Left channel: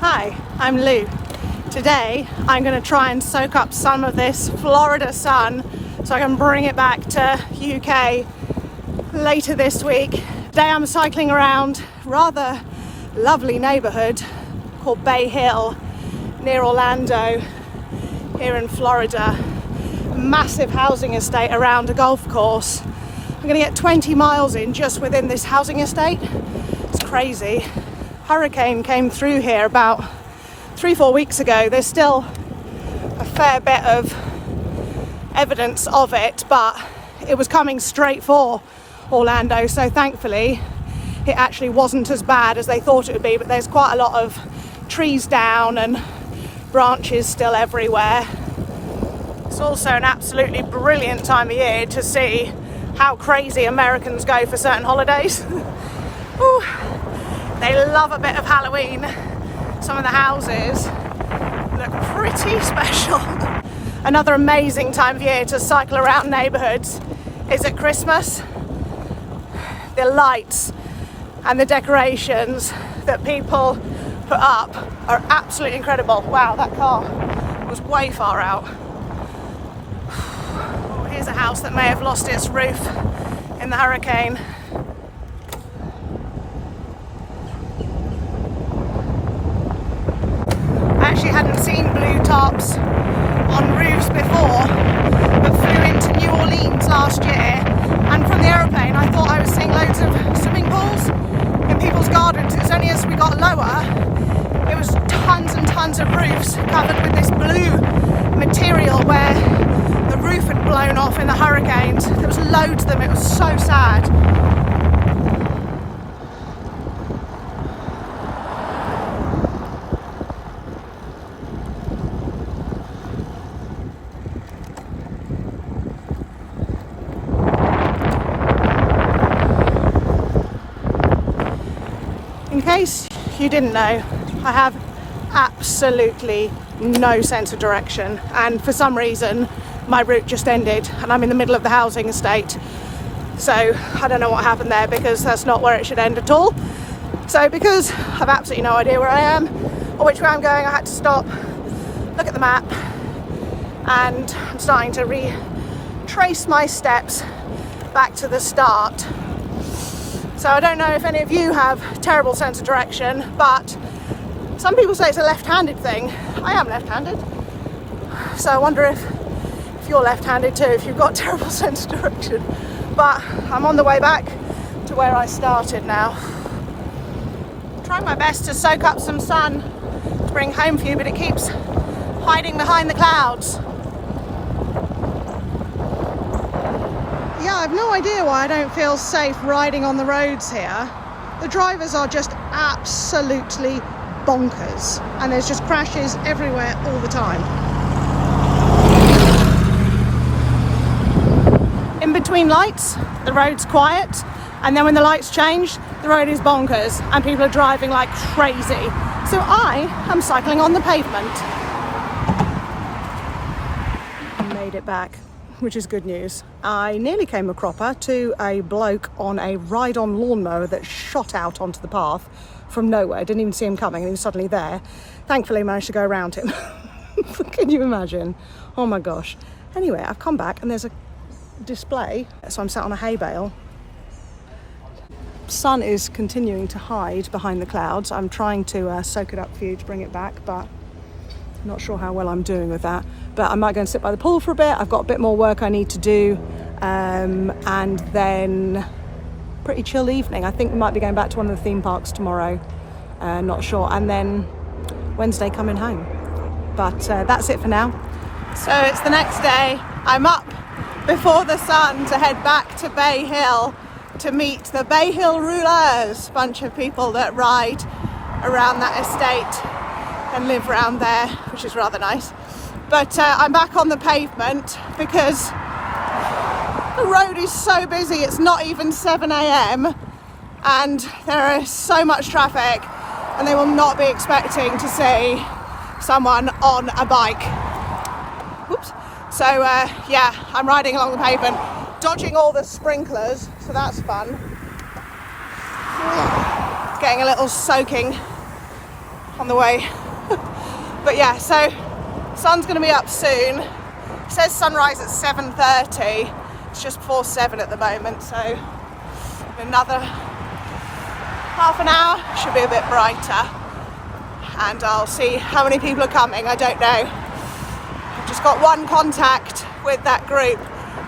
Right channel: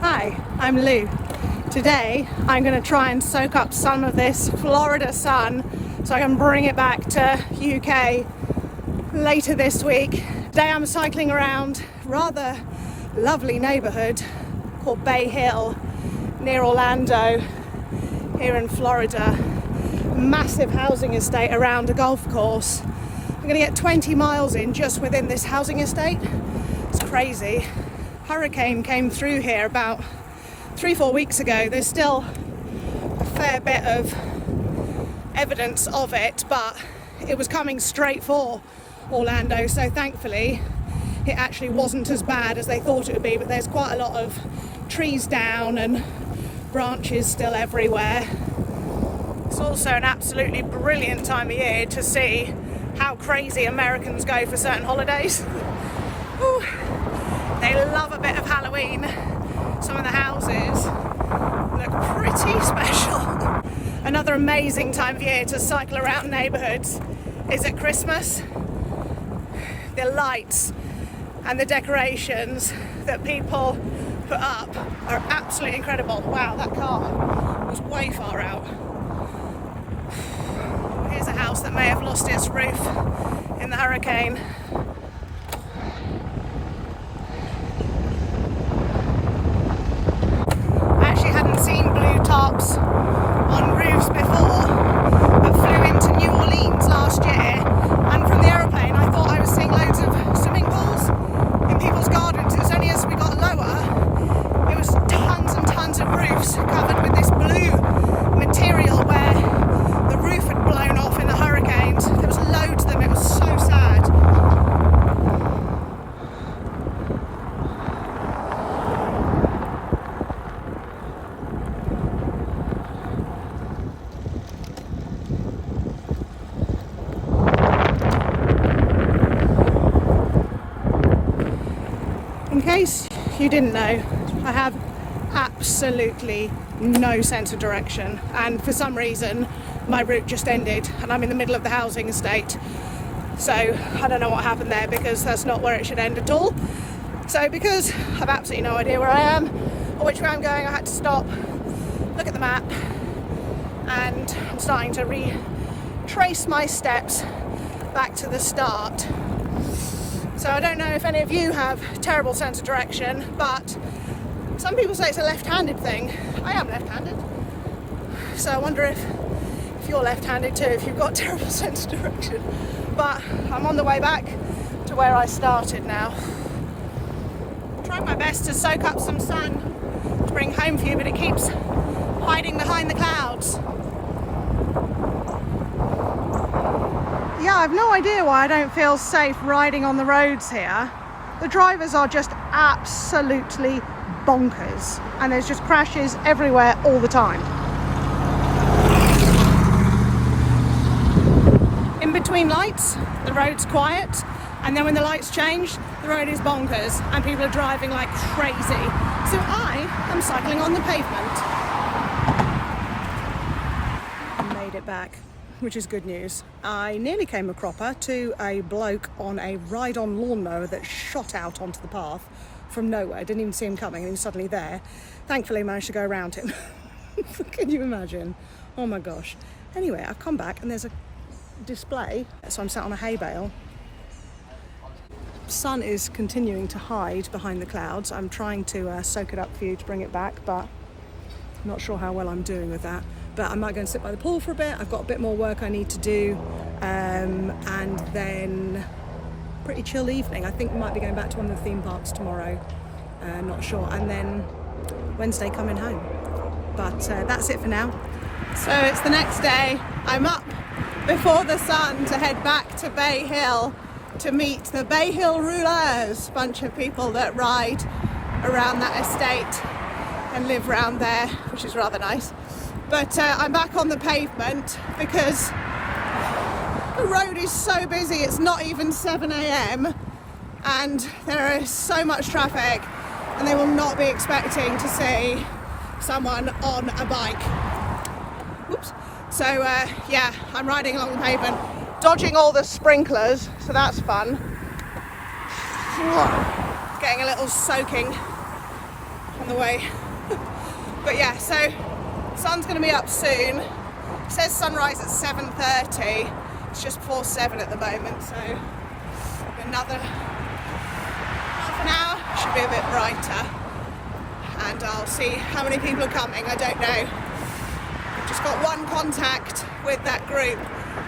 Hi, I'm Lou. Today I'm going to try and soak up some of this Florida sun so I can bring it back to UK later this week. Today I'm cycling around a rather lovely neighbourhood called Bay Hill near Orlando here in Florida. Massive housing estate around a golf course. I'm going to get 20 miles in just within this housing estate. It's crazy. Hurricane came through here about 3-4 weeks ago. There's still a fair bit of evidence of it, but it was coming straight for Orlando, so thankfully it actually wasn't as bad as they thought it would be. But there's quite a lot of trees down and branches still everywhere. It's also an absolutely brilliant time of year to see how crazy Americans go for certain holidays. Whew. They love a bit of Halloween. Some of the houses look pretty special. Another amazing time of year to cycle around neighbourhoods is at Christmas. The lights and the decorations that people put up are absolutely incredible. Wow, that car was way far out. Oh, here's a house that may have lost its roof in the hurricane. Hadn't seen blue tops on roofs before, but flew into New Orleans last year, and from the aeroplane I thought I was seeing loads of swimming pools in people's gardens. It's only as we got lower, it was tons and tons of roofs covered with this blue material where the roof had blown off in the hurricanes. There was loads of them. It was so sad. In case you didn't know, I have absolutely no sense of direction, and for some reason my route just ended and I'm in the middle of the housing estate. So I don't know what happened there, because that's not where it should end at all. So because I've absolutely no idea where I am or which way I'm going, I had to stop, look at the map, and I'm starting to retrace my steps back to the start. So I don't know if any of you have a terrible sense of direction, but some people say it's a left-handed thing. I am left-handed, so I wonder if you're left-handed too, if you've got a terrible sense of direction. But I'm on the way back to where I started now. I'm trying my best to soak up some sun to bring home for you, but it keeps hiding behind the clouds. Yeah, I've no idea why I don't feel safe riding on the roads here. The drivers are just absolutely bonkers, and there's just crashes everywhere all the time. In between lights, the road's quiet, and then when the lights change, the road is bonkers and people are driving like crazy. So I am cycling on the pavement. I made it back, which is good news. I nearly came a cropper to a bloke on a ride-on lawnmower that shot out onto the path from nowhere. Didn't even see him coming, and he was suddenly there. Thankfully, managed to go around him. Can you imagine? Oh my gosh. Anyway, I've come back and there's a display, so I'm sat on a hay bale. Sun is continuing to hide behind the clouds. I'm trying to soak it up for you to bring it back, but I'm not sure how well I'm doing with that. But I might go and sit by the pool for a bit. I've got a bit more work I need to do, and then pretty chill evening. I think we might be going back to one of the theme parks tomorrow, not sure, and then Wednesday coming home. But that's it for now. So it's the next day. I'm up before the sun to head back to Bay Hill to meet the Bay Hill Rouleurs, bunch of people that ride around that estate and live around there, which is rather nice. But I'm back on the pavement because the road is so busy. It's not even 7 a.m. and there is so much traffic, and they will not be expecting to see someone on a bike. Oops. So yeah, I'm riding along the pavement, dodging all the sprinklers, so that's fun. Getting a little soaking on the way. But yeah, so sun's going to be up soon. It says sunrise at 7:30. It's just before 7 at the moment, so another half an hour should be a bit brighter, and I'll see how many people are coming. I don't know. Just got one contact with that group.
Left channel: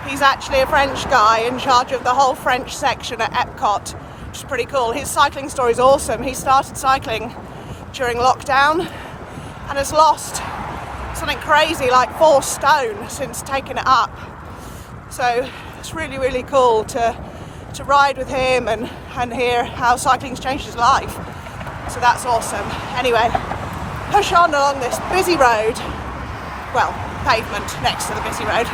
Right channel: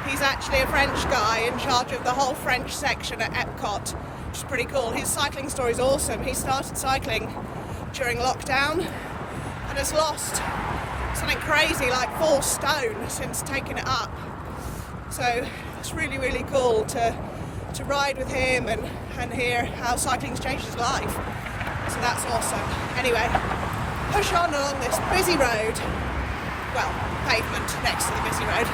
He's actually a French guy in charge of the whole French section at Epcot, which is pretty cool. His cycling story is awesome. He started cycling during lockdown and has lost something crazy like 4 stone since taking it up. So it's really, really cool to ride with him and hear how cycling's changed his life. So that's awesome. Anyway, push on along this busy road. Well, pavement next to the busy road.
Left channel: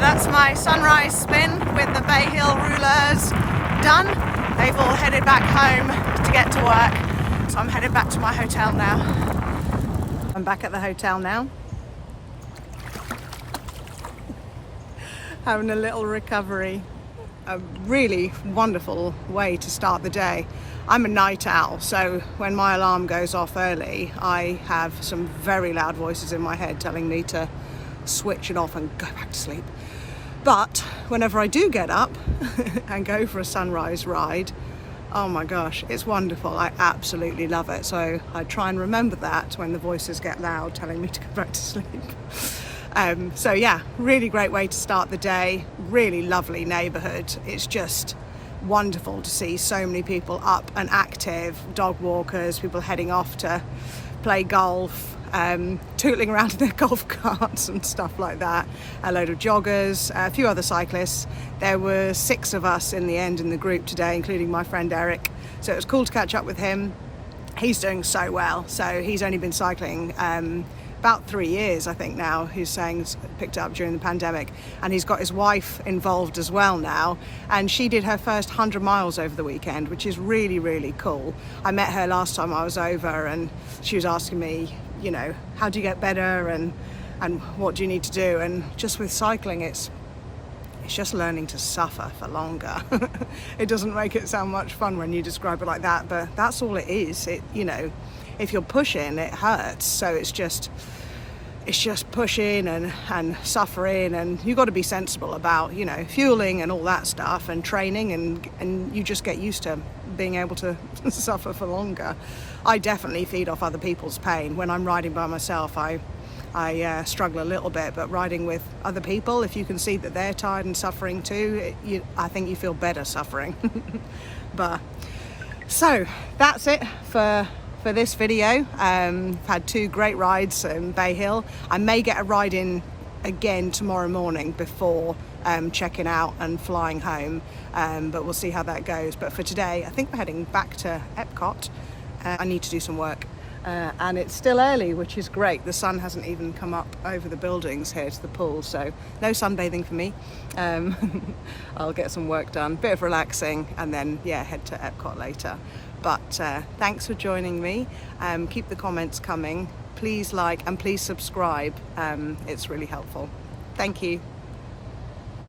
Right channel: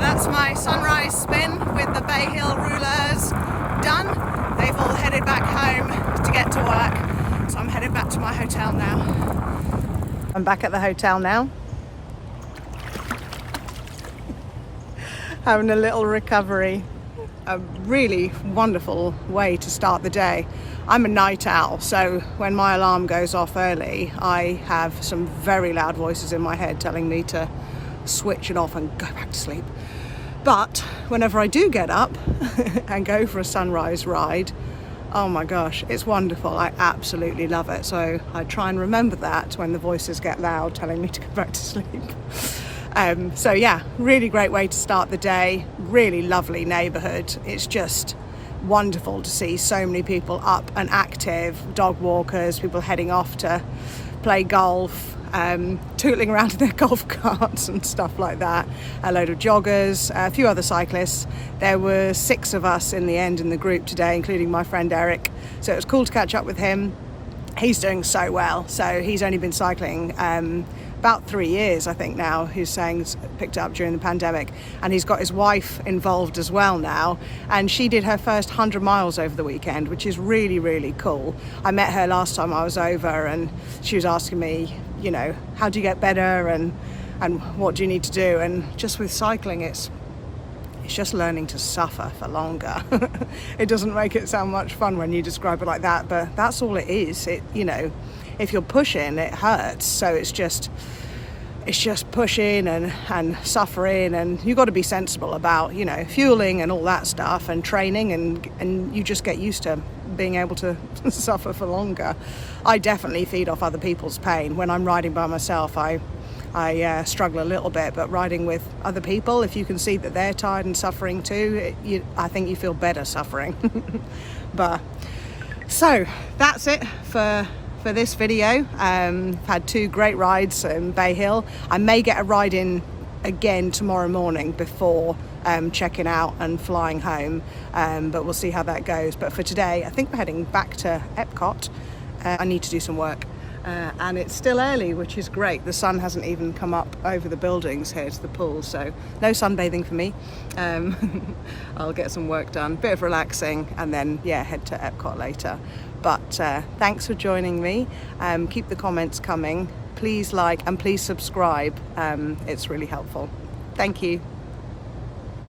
That's my sunrise spin with the Bay Hill rulers done. They've all headed back home to get to work, so I'm headed back to my hotel now. I'm back at the hotel now, having a little recovery. A really wonderful way to start the day. I'm a night owl, so when my alarm goes off early, I have some very loud voices in my head telling me to switch it off and go back to sleep. But whenever I do get up and go for a sunrise ride, oh my gosh, it's wonderful. I absolutely love it. So I try and remember that when the voices get loud telling me to go back to sleep. So yeah, really great way to start the day. Really lovely neighborhood. It's just wonderful to see so many people up and active, dog walkers, people heading off to play golf, tootling around in their golf carts and stuff like that. A load of joggers, a few other cyclists. There were 6 of us in the end in the group today, including my friend Eric. So it was cool to catch up with him. He's doing so well. So he's only been cycling about 3 years, I think now. He's saying picked up during the pandemic, and he's got his wife involved as well now, and she did her first 100 miles over the weekend, which is really, really cool. I met her last time I was over, and she was asking me, you know, how do you get better and what do you need to do? And just with cycling, it's just learning to suffer for longer. It doesn't make it sound much fun when you describe it like that, but that's all it is. It, you know, if you're pushing, it hurts. So it's just pushing and suffering, and you've got to be sensible about, you know, fueling and all that stuff and training, and you just get used to being able to suffer for longer. I definitely feed off other people's pain. When I'm riding by myself, I struggle a little bit, but riding with other people, if you can see that they're tired and suffering too, I think you feel better suffering. But so that's it for this video. I've had 2 great rides in Bay Hill. I may get a ride in again tomorrow morning before checking out and flying home, but we'll see how that goes. But for today, I think we're heading back to Epcot. I need to do some work, and it's still early, which is great. The sun hasn't even come up over the buildings here to the pool, so no sunbathing for me. I'll get some work done, bit of relaxing, and then yeah, head to Epcot later. But thanks for joining me. Keep the comments coming. Please like and please subscribe. It's really helpful. Thank you.